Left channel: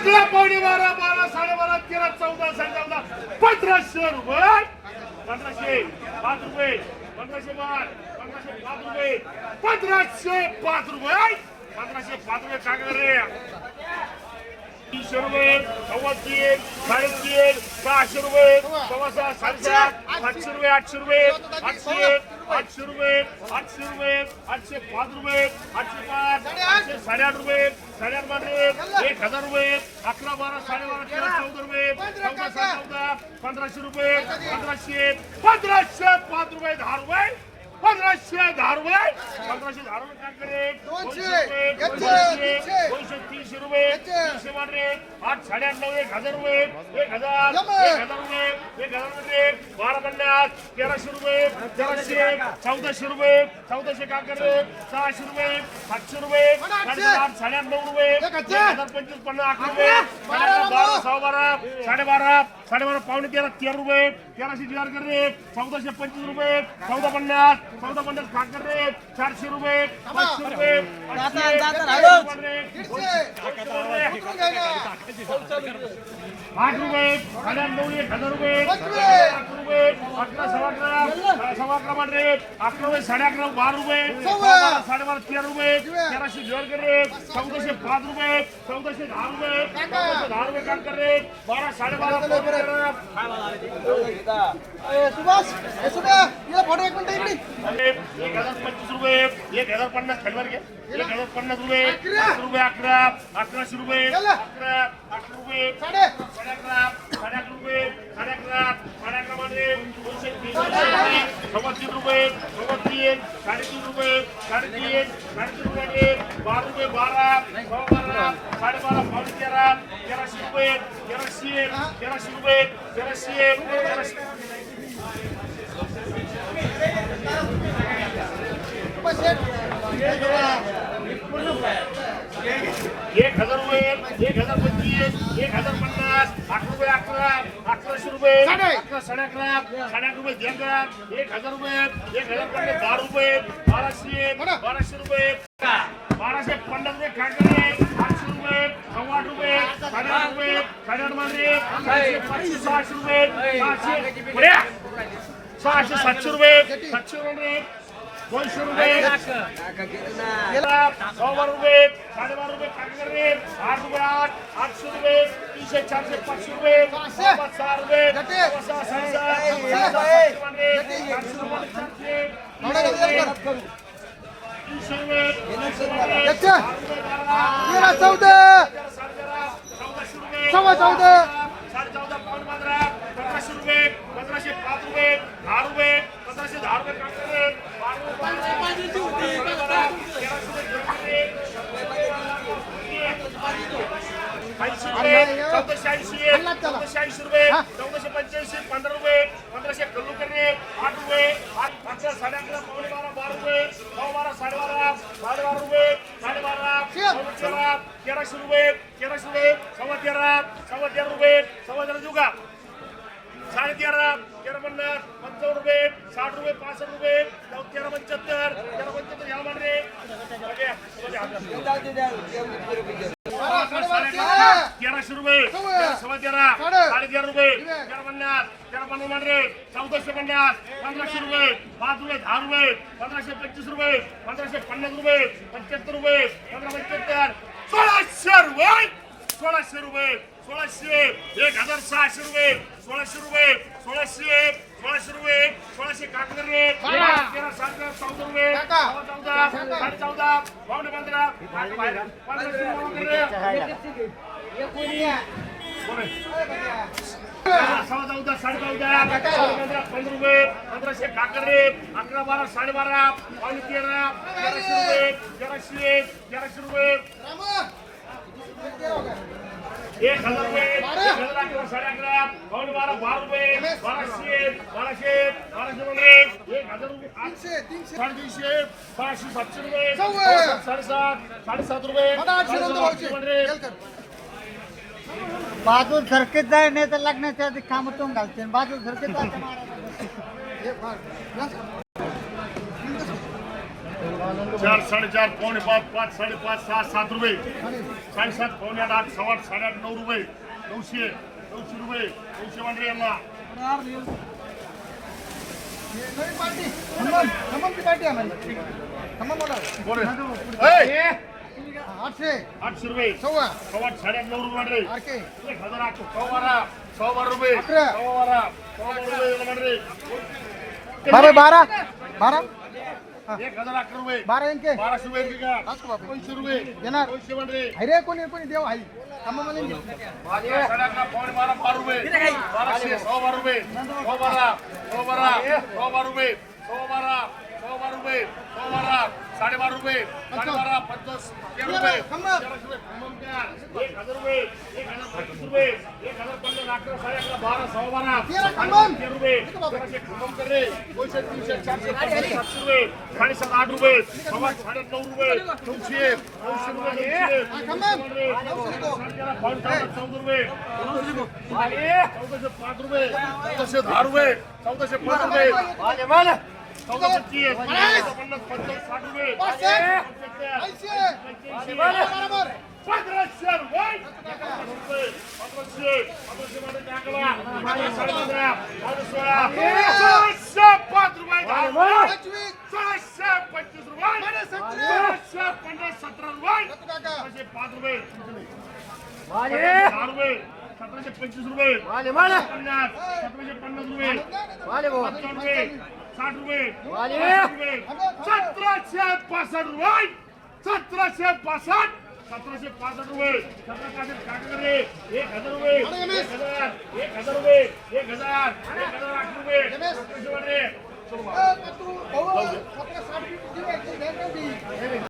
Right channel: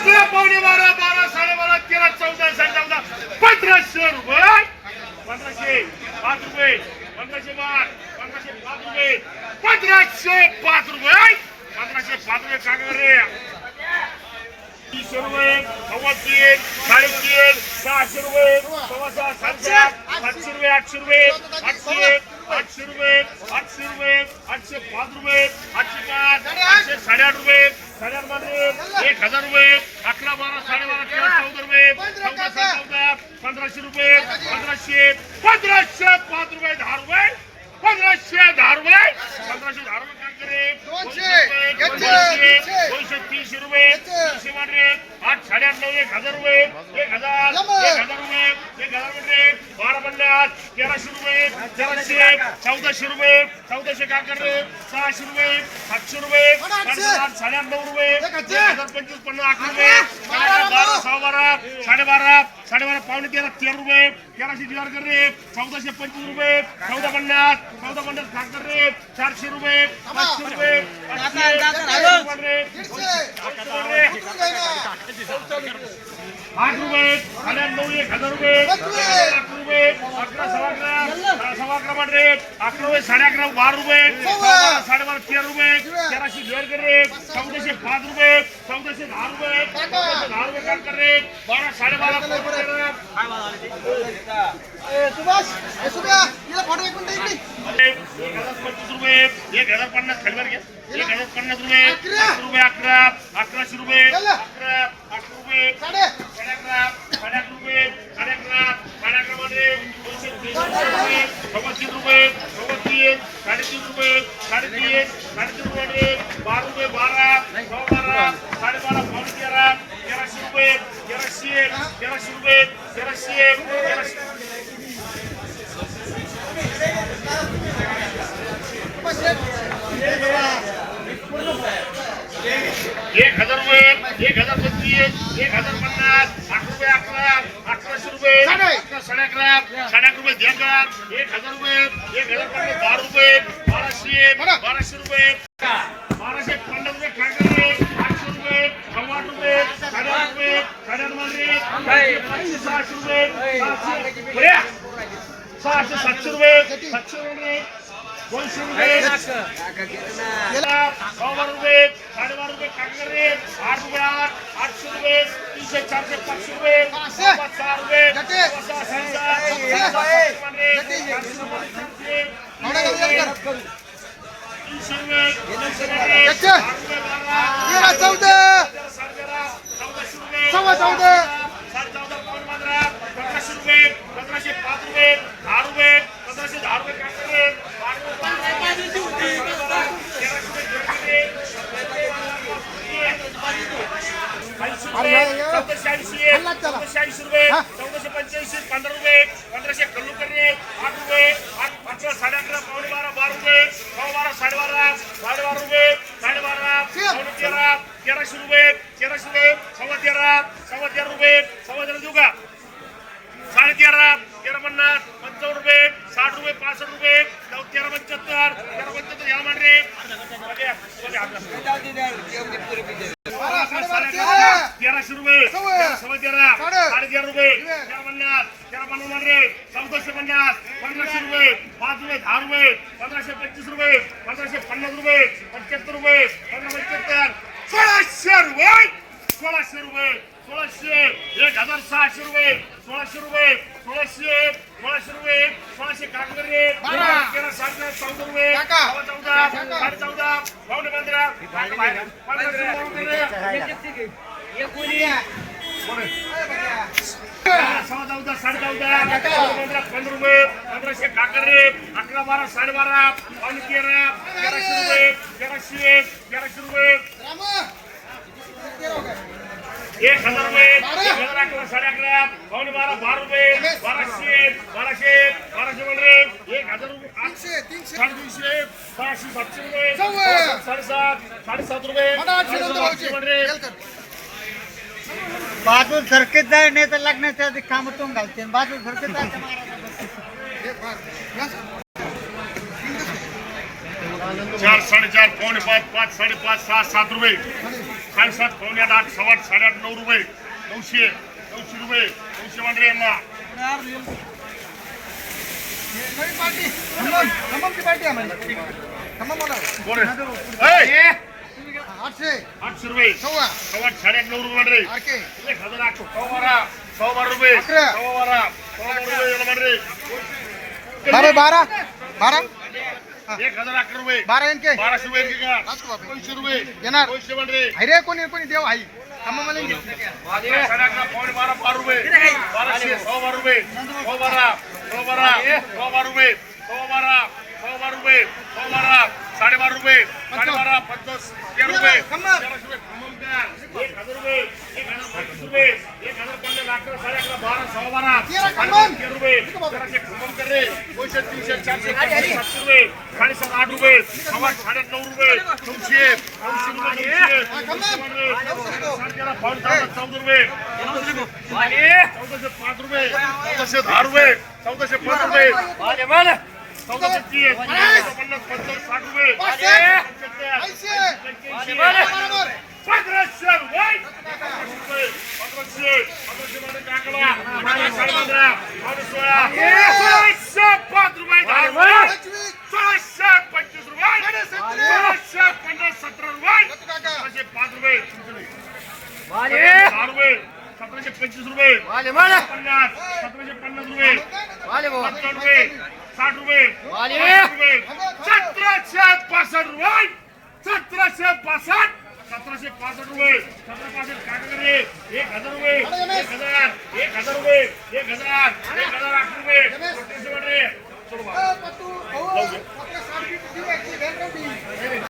अकरा पावणे बारा बारा साडेबारा तेरा चौदा साडे चौदा. पंधराशे रुपये. पंधराशे पाच रुपये. पंधराशे पाच पंधराशे पाच रुपये. पंधराशे पाच रुपये. पंधराशे पाच रुपये काय रे. तीनशे रुपये सव्वा तीन साडेतीन सहाशे रुपये सव्वा सहा साडेसात सातशे रुपये आठशे रुपये आठशे आठशे रुपये आठशे रुपये आठशे पाच रुपये आठशे पाच आठशे साडेआठ रुपये एक हजार रुपये अकरा बारा साडेबारा तेरा चौदा रुपये चौदा साडे चौदा पंधराशे रुपये पंधराशे पंधराशे पाच रुपये दहा रुपये. पंधराशे रुपये पंधराशे रुपये काय करे दोनशे, दोनशे. दोनशे तीनशे रुपये तीनशे वाटरे आठ साडेआठ नऊ एक हजार रुपये एक हजार. एक हजार रुपये एक हजार रुपये बारा पन्नास तेराशे रुपये तेराशे चौदाशे रुपये चौदाशे काय करे सहाशे रुपये सातशे रुपये साडेसात साडेआठ नऊ रुपये हजार. पंचवीस पन्नास अकरा रुपये बारा. सहा बारा साडेबारा साडेबारा पावणे तेरा तेरा रुपये तेराशे चार कर रे. चौदाशे पंचवीस रुपये. चौदा पन्नास. चौदा पन्नास खाक कर रे. चारशे रुपये. पाचशे रुपये. आठ रुपये. साडेआठ नऊ एक हजार रुपये. अकरा सव्वा अकरा सव्वा अकरा रुपये साडे अकरा बारा रुपये. सव्वा बारा साडेबारा तेरा रुपये. तेराशे जोड कर रे. चौदाशे पाच रुपये. चौदाशे दहा रुपये. चौदाशे दहा रुपये काम कर रे. बारा साडेबारा एक हजार पंचवीस रुपये. एक हजार पन्नास घ्या. एक हजार पन्नास रुपये. अकरा. रुपये अकरा. अकराशे रुपये. अकरा अकरा रुपये. साडे अकरा साडे अकरा रुपये. साडे दोनशे रुपये सव्वा तीन रुपये सव्वा तीन साडेतीन रुपये साडेतीन साडेतीन रुपये बारा रुपये बारा सव्वा बारा साडेबारा पावणे तेरा तेराशे रुपये तेराशे तेराशे रुपये तेराशे तेराशे एक हजार रुपये एक हजार पंचवीस एक हजार पन्नास अकरा रुपये अकरा अकराशे रुपये साडे. अकरा साडे अकरा साडे अकरा रुपये एक हजार रुपये एक हजार पन्नास बारा रुपये बाराशे. बाराशे रुपये बाराशे पन्नास रुपये ठाकरे आठशे रुपये आठ रुपये रुपये मध्ये सहाशे रुपये. सहाशे सातशे रुपये सातशे रुपये दोनशे रुपये सव्वा रुपये साडेबारा रुपये काकडे आठ रुपये आठ आठशे रुपये तीनशे चारशे पाचशे रुपये सहा रुपये तेरा चौदा सव्वा चौदा. साडे चौदा पंधरा पंधराशे रुपये पंधराशे पाच रुपये दहा रुपये रुपये रुपये ऐंशी चौदाशे ऐंशी रुपये चौदाशे पंच्याऐंशी पंधरा रुपये पंधराशे कल्लू करणे आठ रुपये आठ अकरा साडे अकरा पावणे बारा बारा रुपये पाव बारा साडेबारा साडेबारा रुपये साडेबारा पावणे तेरा तेराशे रुपये तेराशे रुपये सव्वा तेरा सव्वा तेरा रुपये सव्वा तेरा देऊ का साडे तेरा तेरा पन्नास पंचावन्न रुपये साठ रुपये पासष्ट रुपये नऊ तेरा पंच्याहत्तर तेरा पंच्याहत्तर या मांडरे तेराशे रुपये सव्वा तेरा साडे तेरा रुपये तेरा पन्नास तेरा पन्नास मांडरे रे चौदाशे पन्नास पंधराशे रुपये पाच रुपये दहा रुपये पंधराशे पंचवीस रुपये पंधराशे पन्नास रुपये पंच्याहत्तर रुपये पंधरा पंच्याहत्तर सोळाशे रुपये सोळाशे रुपये. सोळाशे एक हजार सहाशे रुपये सोळाशे रुपये सोळाशे सोळाशे रुपये सोळाशे कागद तेरा साडे चौदा रुपये. चौदा साडे चौदा. पावणे पंधरा. सव्वा चौदा साडे चौदा. पंधरा पंधरा रुपये. पंधराशे काकर रे. अकरा बारा साडेबारा पावणे तेरा. तेराशे रुपये तेराशे तेराशे रुपये. एक हजार रुपये एक हजार अकरा साडे अकरा पावणे बारा बारा रुपये बाराशे बाराशे बाराशे मध्ये एक हजार रुपये आठ तीनशे तीनशे. साडेतीनशे सहाशे सातशे रुपये. साडेसात, साडेसात रुपये मला आठशे साडेसात, नव्वद आठशे मध्ये बाजू सरकीत जाय नाही तर लग्नाच्या आधी काम तो घालते. बाजू सरकीत जायचं हे. चार साडेचार पावणे पाच पाच साडेपाच सहा सात रुपये. साडेसात पावणे आठ आठ सव्वा आठ साडेआठ नऊ रुपये नऊशे नऊशे रुपये नऊशे मांडरे यांना. आठशे. रुपये. आठ साडेआठ नऊ रुपये मांडरे. आरके एक हजार आठ सव्वा बारा सव्वा बारा रुपये. सव्वा बारा सव्वा बारा रुपये मांडरे. बारा बारा. बारा? एक हजार अकरा रुपये. बारा इनके बाराशे रुपये इतके का. दोनशे रुपये. येणार. दोनशे अरे कोणी कोणी देव आई खम्मम मला साडे अकरा पावणे बारा बारा रुपये. बाराशे सव्वा बारा रुपये. सव्वा बारा सव्वा बारा सव्वा बारा रुपये. सव्वा बारा सव्वा बारा रुपये. सव्वा बारा साडेबारा रुपये. साडेबारा पन्नास तेरा रुपये. तेराशे रुपये. एक हजार रुपये एक हजार रुपये. एक हजार पन्नास अकरा साडे अकरा बारा सव्वा बारा. तेरा रुपये. तेराशे कर रे दोनशे तीनशे चारशे पाचशे सातशे रुपये साडेसात आठ रुपये सव्वा साडे नऊ रुपये नऊशे नऊशे रुपये पाऊण चौदा रुपये चौदाशे पाच रुपये चौदाशे दहा रुपये चौदाशे पाच रुपये चौदा पन्नास पंचावन्न साठ रुपये पंधराशे रुपये पंधराशे पंधराशे पंधराशे मध्ये टाकला पंधरा साडे पंधरा पंधरा सोळा सोळाशे पाच रुपये सोळाशे पंचवीस रुपये सोळाशे पन्नास सतरा रुपये सतराशे पाच रुपये दहा रुपये सतराशे पंचवीस रुपये पन्नास सतराशे पन्नास रुपये सत्तर रुपये साठ रुपये रुपये सतराशे पासष्ट रुपये सतराशे पासष्ट सतराशे पासष्ट रुपये. सतरा पासष्ट काटे एक हजार रुपये. एक हजार एक हजार रुपये. एक हजार एक हजार आठ रुपये. सतराशे वाटे